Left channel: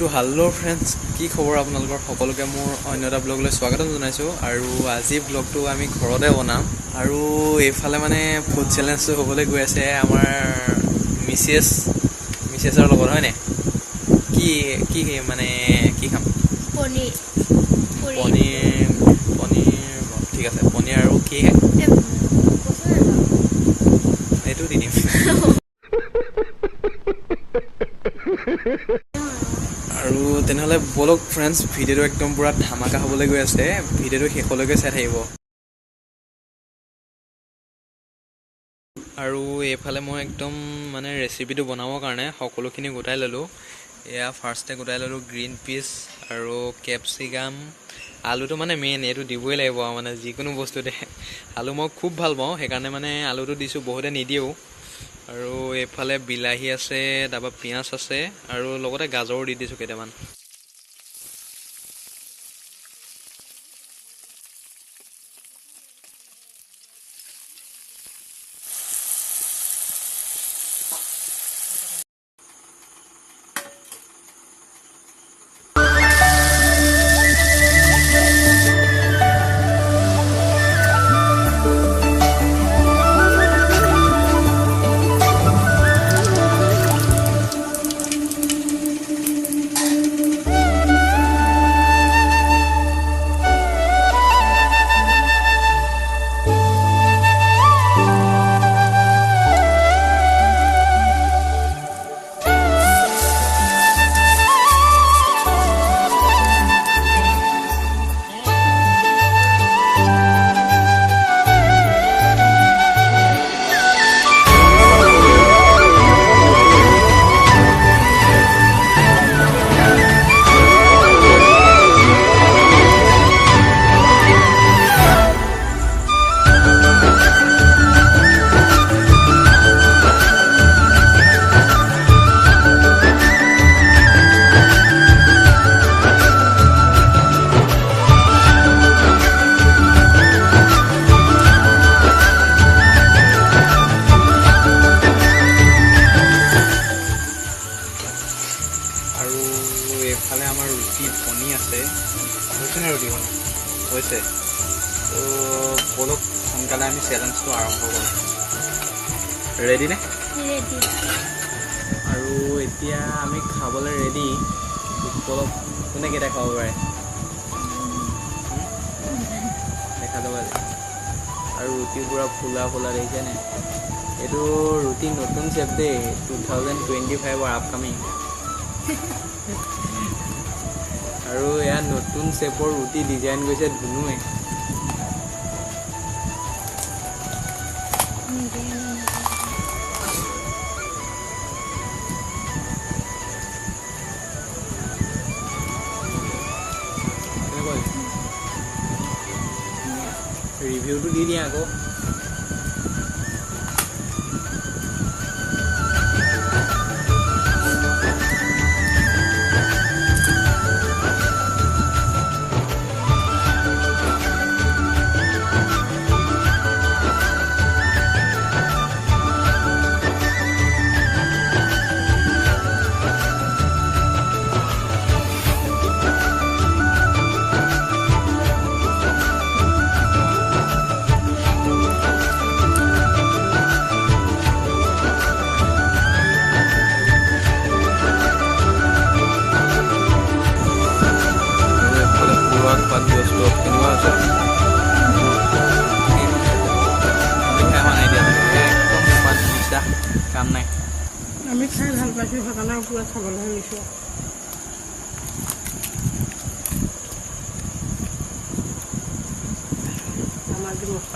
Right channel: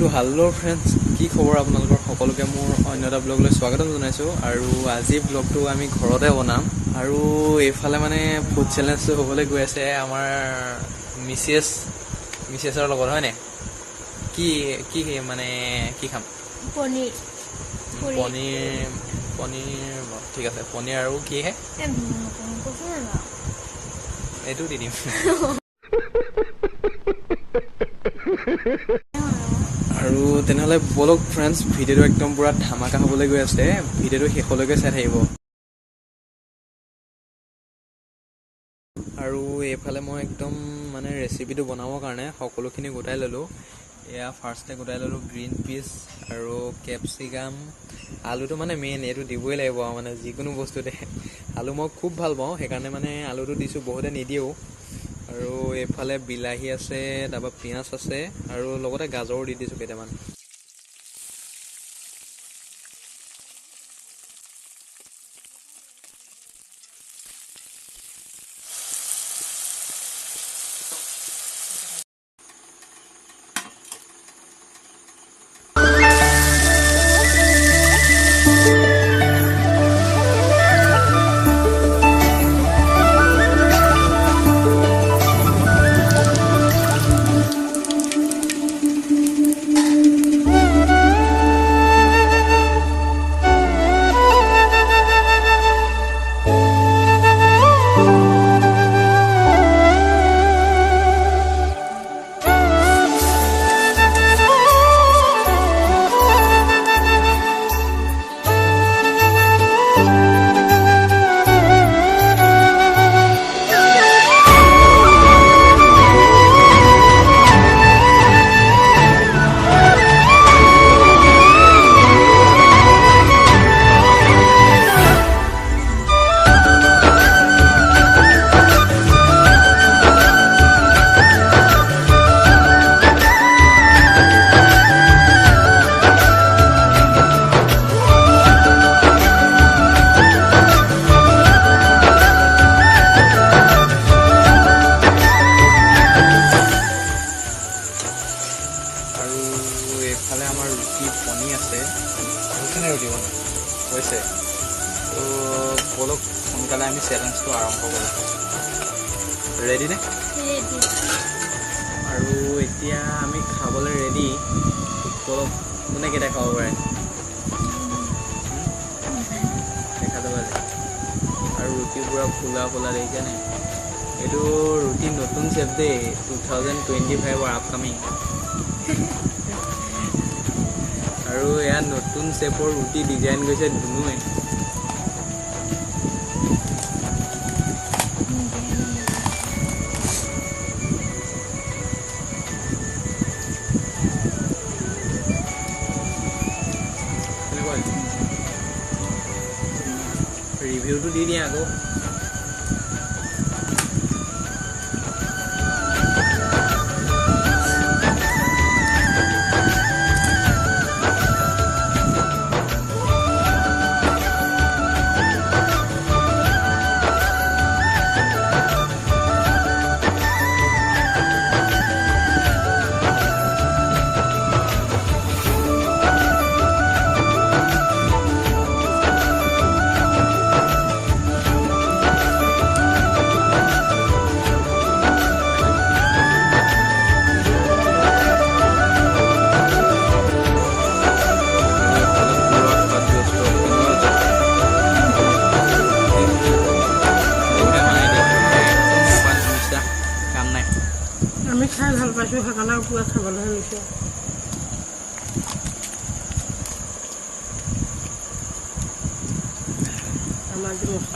তো hello' friends, কি খবৰ আপোনালোকৰ সকলোকে মোৰ অন্য এটা ব্লগলৈ স্বাগতম জনাইছোঁ। আৰু আজি ব্লগটো আমি ঘৰতে বনাম। আৰু এইফালে মানে ফুড চেলেঞ্জটো হ'বলৈ গৈ আছে আমাৰ মিছেছৰ লগত, হয়নে? কি কি মানে কি খাম? পনীৰ। ঠিক আছে, পনীৰ আৰু কি এইটো দি দিম। আৰু তেনেহ'লে বলক ফ্ৰেণ্ডছ, ভিডিঅ'টো একদম পূৰা ধামাকা হ'বলৈ গৈ আছে। ভিডিঅ'টো শেষলৈকে চাই থাকিব। আৰু এইফালে মই একদম মানে ৰেচিপিটো বনাবৰ কাৰণে সকলোখিনি গোটাই ল'লোঁ। এয়া ফাৰ্ষ্টে গোটাই ল'লোঁ গ্ৰীণ পিচ আৰু কেপচিকাম। আলুটো মানে মেইন, এইটো দিবই লাগিব আৰু মানে যিকোনো বস্তুতে। আলু মই খুব ভাল পাওঁ, সেইকাৰণে মানে আলুটো দিছোঁ, বহুতে নিদিয়েও। আৰু এইফালে বিলাহী আছে, তাৰপৰা পিঁয়াজ আছে আৰু লগতে গাজৰো দি দিছোঁ কেইটামান। আৰু এইফালে আমাৰ ৰুটি বনি আছে, হৈছেনে? ৰুটি বনাই হৈছে। তো বলক সোনকালে আমি চেলেঞ্জটো আৰম্ভ কৰোঁ। ৰেডি নে? ৰেডি। আৰু এতিয়া আমি খাবলৈ ৰেডি। বলক, কোনে কেইটা খাব পাৰে দেখা যাব। আৰু ৰুটি পূৰা ফুলা ফুলা দেখিছেনে? এইটো ৰুটি নতুন চেপ দেই, 2025 আপকামিং। আৰু এয়া নতুন চেপৰ ৰুটি ডিজাইন গৈছে ধুনুৱে। ৰিভিউটো দি দিয়া আকৌ। কাম নাই, আমি খাই ভাল পাইছোঁ, সেইকাৰণে পুৰা খাবলৈ লৈছোঁ।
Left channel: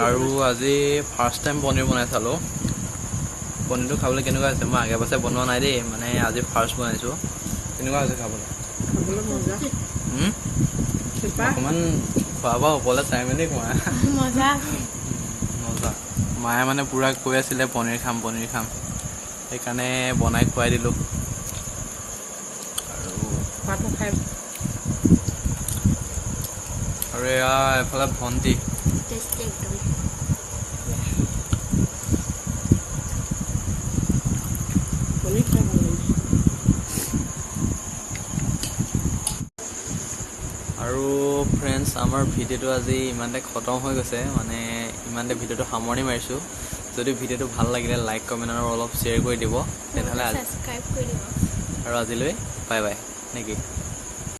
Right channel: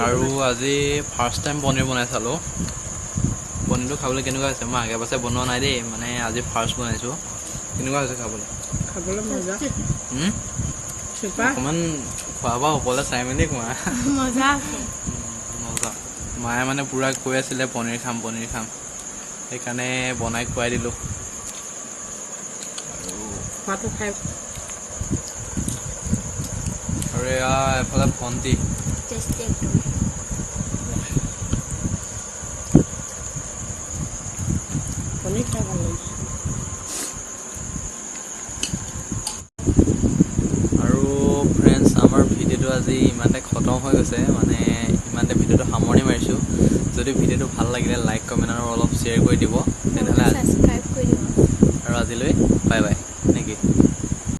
আৰু আজি ফাৰ্ষ্ট টাইম পনীৰ বনাই চালোঁ। পনীৰটো খাবলৈ কেনেকুৱা হৈছে? মই আগে পাছে বনোৱা নাই দেই, মানে আজি ফাৰ্ষ্ট বনাইছোঁ। কেনেকুৱা হৈছে খাবলৈ? অকণমান খোৱা বোৱা ওপৰলৈ চাই মেলি খোৱা। মজা। মায়ে মানে পূৰা কৈ আছিলে পনীৰ খাম, সেইকাৰণে বনাই খুৱাই দিলোঁ। আৰু এয়া এফালে ভণ্টি। আৰু ফ্ৰেণ্ডছ, আমাৰ ভিডিঅ'টো আজি ইমানতে খতম হৈ গৈছে, মানে ইমানতে ভিডিঅ'টো সামৰণি মাৰিছোঁ। যদি ভিডিঅ'টো ভাল লাগিলে লাইক কমেণ্ট আৰু অলপ শ্বেয়াৰ কৰি দিব, তেনেহ'লে ছাবস্ক্ৰাইব কৰি দিব। আৰু আজিলৈ বাই বাই নেকি?